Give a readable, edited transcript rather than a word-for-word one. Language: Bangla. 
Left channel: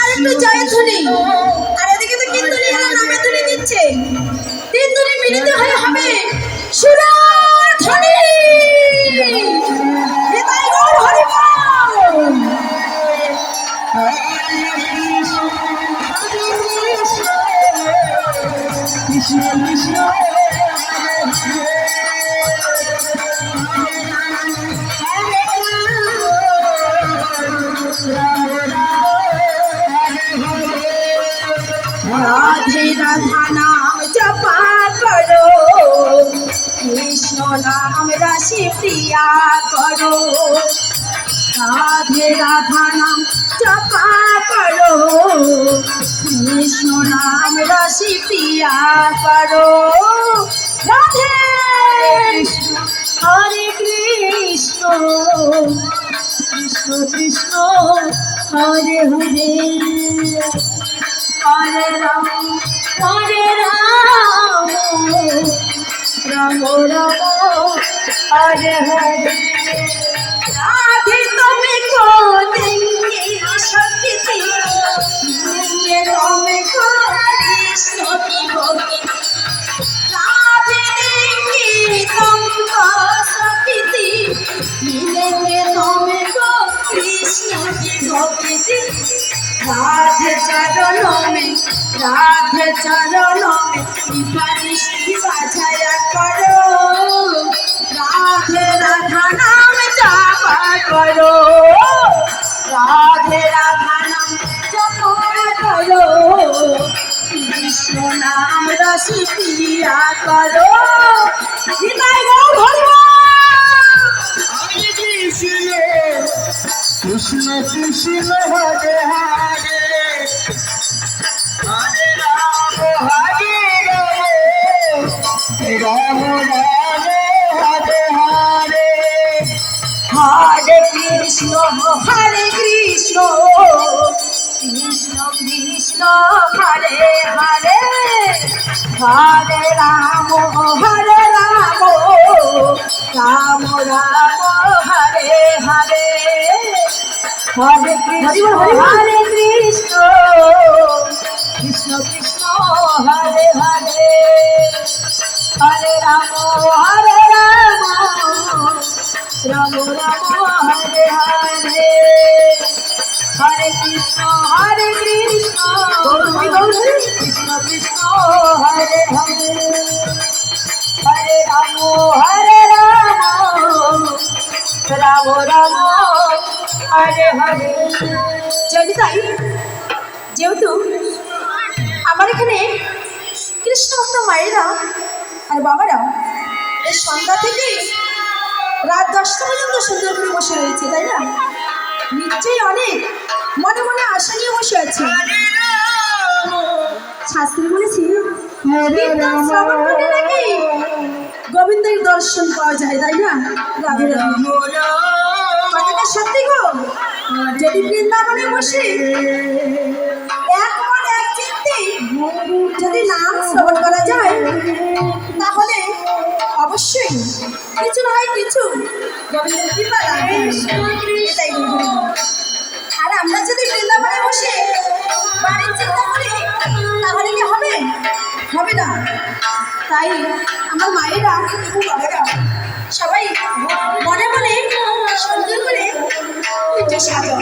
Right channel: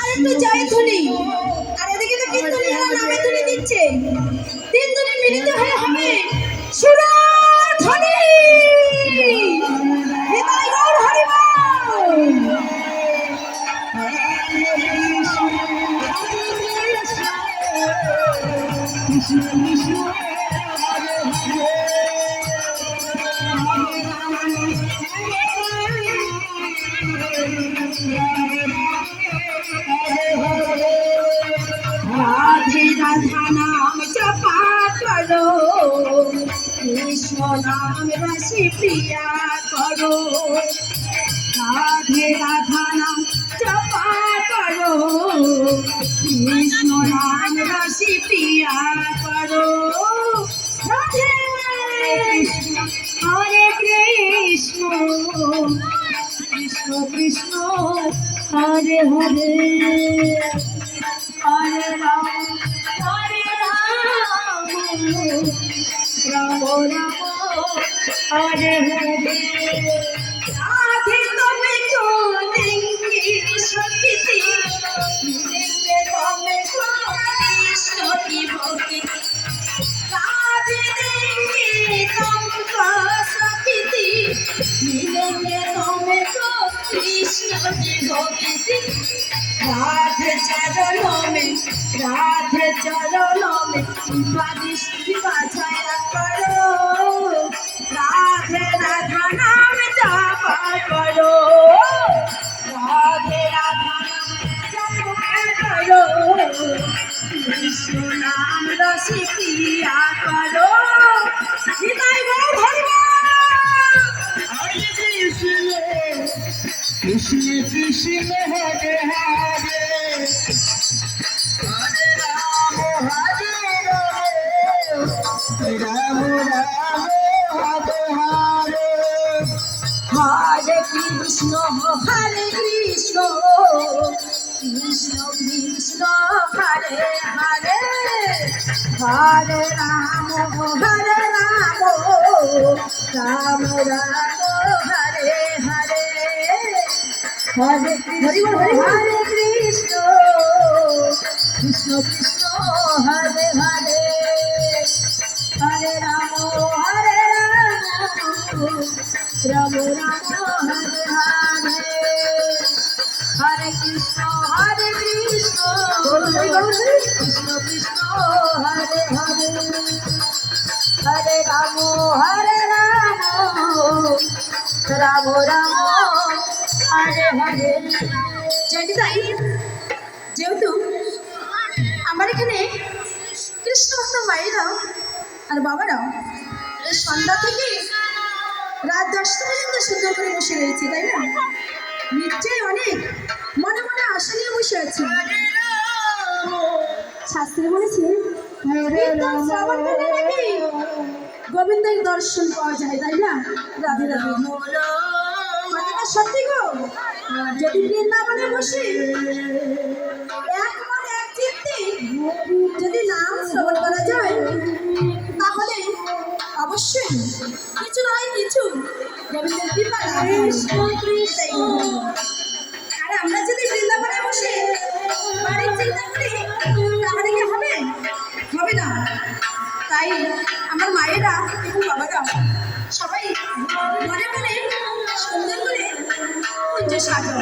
আর একটু জয় ধ্বনি, আর এদিকে তো কীর্তনী হলো নামে ধ্বনি দিচ্ছে, তিন ধ্বনি মিলিত হয়ে হবে সুরার ধ্বনি। নিতাই গৌর হরি বল। কৃষ্ণ কৃষ্ণ राधे राधा नाम जपा करो, कृष्ण नाम रसि प्रिया करो। राधे राधा नाम जपा करो, कृष्ण नाम रसि प्रिया करो। राधे हरे कृष्ण कृष्ण कृष्ण हरे हरे, हरे राम राम राम हरे हरे। राधे तुमको देंगे शक्ति, देंगे तुमको कृष्ण की भक्ति। राधे देंगे तुमको शक्ति, मिलेंगे तुमको कृष्ण की भक्ति। राधे चरणों में कृपा दृष्टि बजाया करो, राधे राधा नाम जपा करो, राधे राधा नाम जपा करो, कृष्ण नाम रसि प्रिया करो। निताई गौर हरि बोल। कृष्ण कृष्ण हरे हरे, हरे राम राम हरे हरे। हरे कृष्ण कृष्ण कृष्ण हरे हरे, हरे राम राम राम हरे हरे। हरे कृष्ण कृष्ण कृष्ण हरे हरे, हरे राम राम राम हरे हरे। हरे कृष्ण कृष्ण कृष्ण कृष्ण हरे हरे, हरे राम राम राम हरे हरे। যদি তাই, যেহেতু আমার এখানে কৃষ্ণ ভক্ত মায়েরা আর বাবারাও এই সন্ধ্যা থেকে রাত 10টা পর্যন্ত সুন্দর করে বসে রয়েছে, তাই না? নিশ্চয়ই অনেক মনে মনে আশা নিয়ে বসে আছে। শাস্ত্রী বলেছে কীর্তন শ্রবণ করলে নাকি গোবিন্দের দর্শন পাওয়া যায়, তাই না? রাধে রাধে, কথাটা সত্যি গো। যদি বৃন্দাবনে বসে এক মন এক চিত্তে যদি নাম শ্রবণ করা যায়, তাহলে অবশ্যই কিছু নয় কিছু গোবিন্দের কৃপা লাভ। আর আমরা যদি বৃন্দাবনে বসে বাড়ির চিন্তা করি, তাহলে কি হবে? হবে না। তাই আমার মায়েরা এবং বাবারা সবাই মনে মনে সুন্দর করে একটু সাজাও।